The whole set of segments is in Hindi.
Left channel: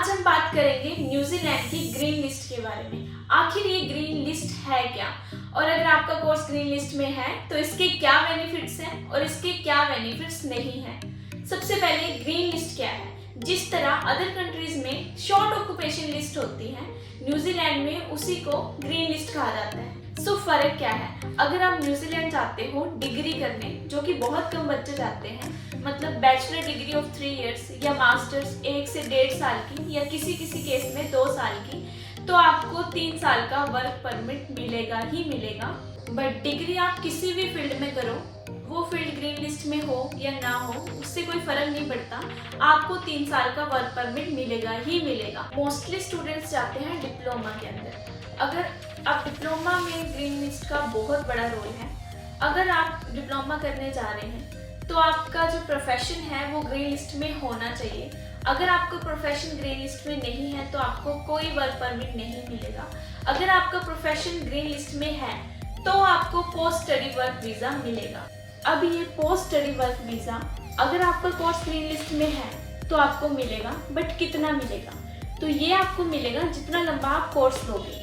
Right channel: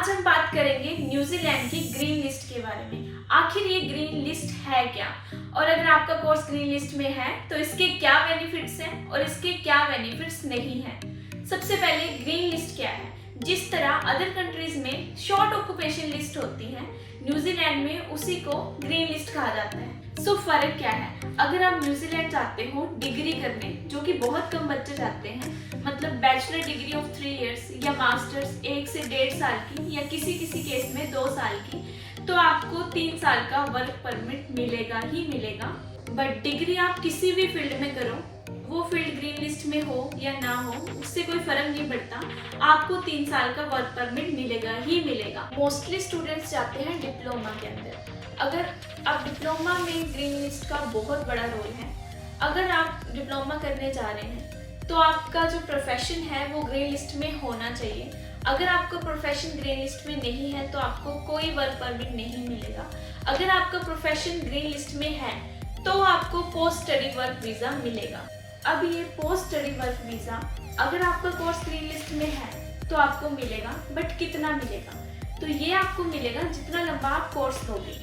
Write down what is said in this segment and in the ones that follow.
आज हम बात करेंगे न्यूजीलैंड की ग्रीन लिस्ट के बारे में। आखिर ये ग्रीन लिस्ट है क्या, और अगर आपका कोर्स ग्रीन लिस्ट में है तो इसके क्या बेनिफिट्स हैं और इसके क्या बेनिफिट्स नहीं हैं। सबसे पहले ग्रीन लिस्ट क्या है। जिस तरह अदर कंट्रीज में शॉर्ट ऑक्यूपेशन लिस्ट होती है, न्यूजीलैंड में उसी को ग्रीन लिस्ट कहा जाता है। सो फर्क क्या है। अगर आप न्यूजीलैंड जाते हो डिग्री करने, जो कि बहुत कम बच्चे जाते हैं, मतलब बैचलर डिग्री ऑफ 3 इयर्स या मास्टर्स 1 से 1.5 साल की या किसी किसी केस में 2 साल की, तो आपको 3 साल का वर्क परमिट मिलेगा ही मिलेगा। बट डिग्री आप किसी भी फील्ड में करो, वो फील्ड ग्रीन लिस्ट में हो या ना हो, उससे कोई फर्क नहीं पड़ता, आपको 3 साल का वर्क परमिट मिलेगा ही मिलेगा। मोस्टली स्टूडेंट्स जाते हैं डिप्लोमा के अंदर। अगर आप डिप्लोमा में ग्रीन लिस्ट का बहुत बड़ा रोल है। अगर आप डिप्लोमा करने जा रहे हैं तो आपका जो प्रोफेशन है वो ग्रीन लिस्ट में होना चाहिए। अगर आपका प्रोफेशन ग्रीन लिस्ट में नहीं है तो आपको कोई वर्क परमिट नहीं मिलेगा। अगर आपका प्रोफेशन ग्रीन लिस्ट में है तो आपको पोस्ट स्टडी वर्क वीज़ा मिलेगा। अब ये पोस्ट स्टडी वर्क वीज़ा अगर आपका कोर्स ग्रीन लिस्ट में है तो आपको मिलेगा, बट कितना मिलेगा? तो ये आपको मिलेगा जितना लंबा आप कोर्स लोगे।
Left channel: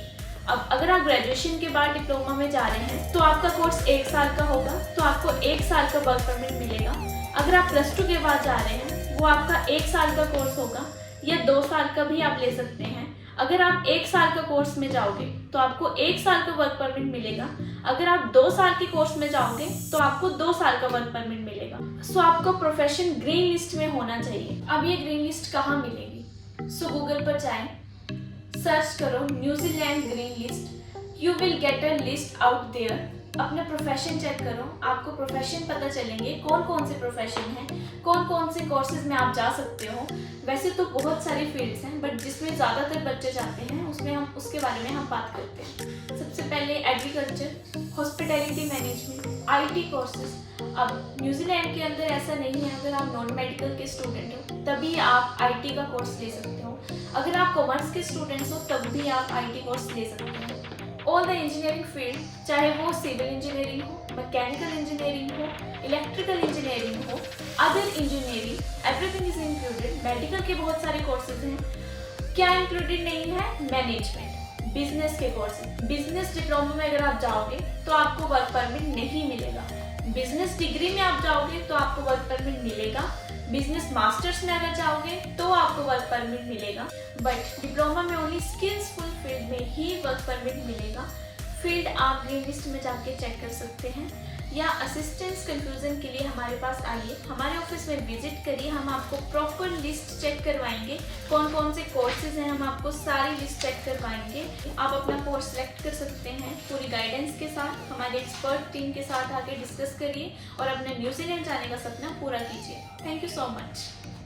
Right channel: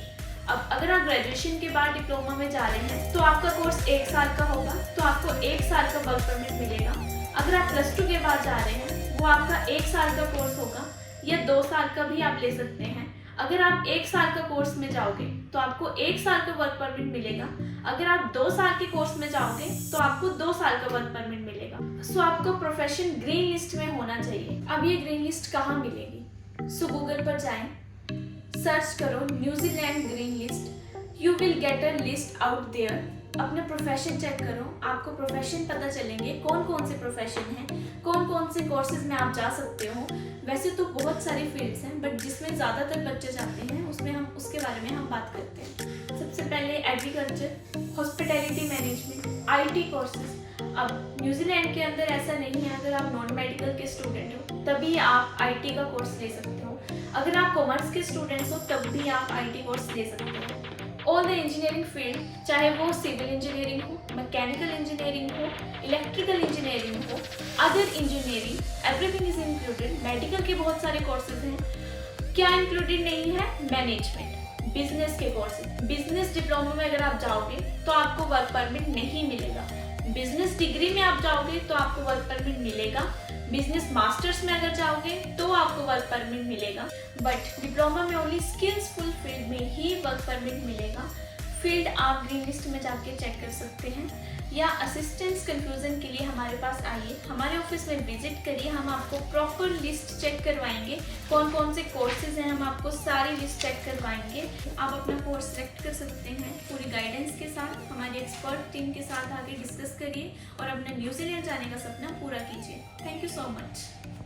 अब अगर आप ग्रेजुएशन के बाद डिप्लोमा में जा रहे हैं तो आपका कोर्स 1 साल का होगा, तो आपको 1 साल का वर्क परमिट मिलेगा। अगर आप +2 के बाद जा रहे हैं, वो आपका 1 साल का कोर्स होगा या 2 साल का भी आप ले सकते हैं। अगर आप 1 साल का कोर्स में जाओगे तो आपको 1 साल का वर्क परमिट मिलेगा। अगर आप 2 साल के कोर्स में जाओगे तो आपको 2 साल का वर्क परमिट मिलेगा। सो आपको प्रोफेशन ग्रीन लिस्ट में होना चाहिए। अब ये ग्रीन लिस्ट कहाँ मिलेगी? सो गूगल पर जाएं, सर्च करो New Zealand green list, you will get a list out there. अपना प्रोफेशन चेक करो, आपको प्रोफेशन पता चलेंगे कौन कौन से प्रोफेशन हैं, कौन कौन से कोर्सेज में आप जा सकते हो। वैसे तो बहुत सारी फील्ड्स हैं, बट जिसमें ज़्यादातर बच्चे जाते हैं उसमें हम उसके बारे में हम बात करते हैं। सबसे पहले agriculture, hospitality management, IT courses. अब न्यूजीलैंड के अंदर ऐसा नहीं है, अगर आप नॉन मेडिकल के स्टूडेंट हो तभी आप IT का कोर्स ले सकते हो। अगर आप कॉमर्स के स्टूडेंट्स हो तब भी आप IT कोर्स ले सकते हो। ऑल द इंजीनियरिंग फील्ड, चाहे वो सिविल इंजीनियरिंग हो, मैकेनिकल इंजीनियरिंग हो, इलेक्ट्रिकल इंजीनियरिंग हो, other engineering, everything is included. Medical के बहुत सारे कोर्सेज हैं। क्या इंक्लूडेड नहीं है? मैनेजमेंट, बिजनेस के कोर्सेज। बिजनेस डिप्लोमा में अगर आप जाओगे तो आपको वर्क परमिट नहीं मिलेगा। बिजनेस डिग्री में आप जाओगे तो आपको वर्क परमिट मिलेगा। बिजनेस मास्टर्स में अगर जाओगे तो आपको वर्क परमिट मिलेगा, बट डिप्लोमा में ओनली स्किल्सफुल फील्ड में ही वर्क परमिट मिलेगा। फील्ड आप ग्रीन लिस्ट में जाके चेक कर सकते हैं, या असिस्टेंस कंफ्यूजन के लिए हमारे पास आइए, हमारे ऑफिस में विजिट करिए। हम आपको प्रॉपर लिस्ट चेक करवाएंगे, कौन कौन से कोर्सेज हैं, हम आपको सारी लिस्ट चेक करवाएंगे। आप अपना कोर्स सेलेक्ट कर सकते हैं पूरी गाइडेंस के साथ। हमारे एक्सपर्ट टीम के साथ आके डिस्कस करिए और अपने न्यूजीलैंड जाने का सपना पूरा कीजिए। Thank you so much.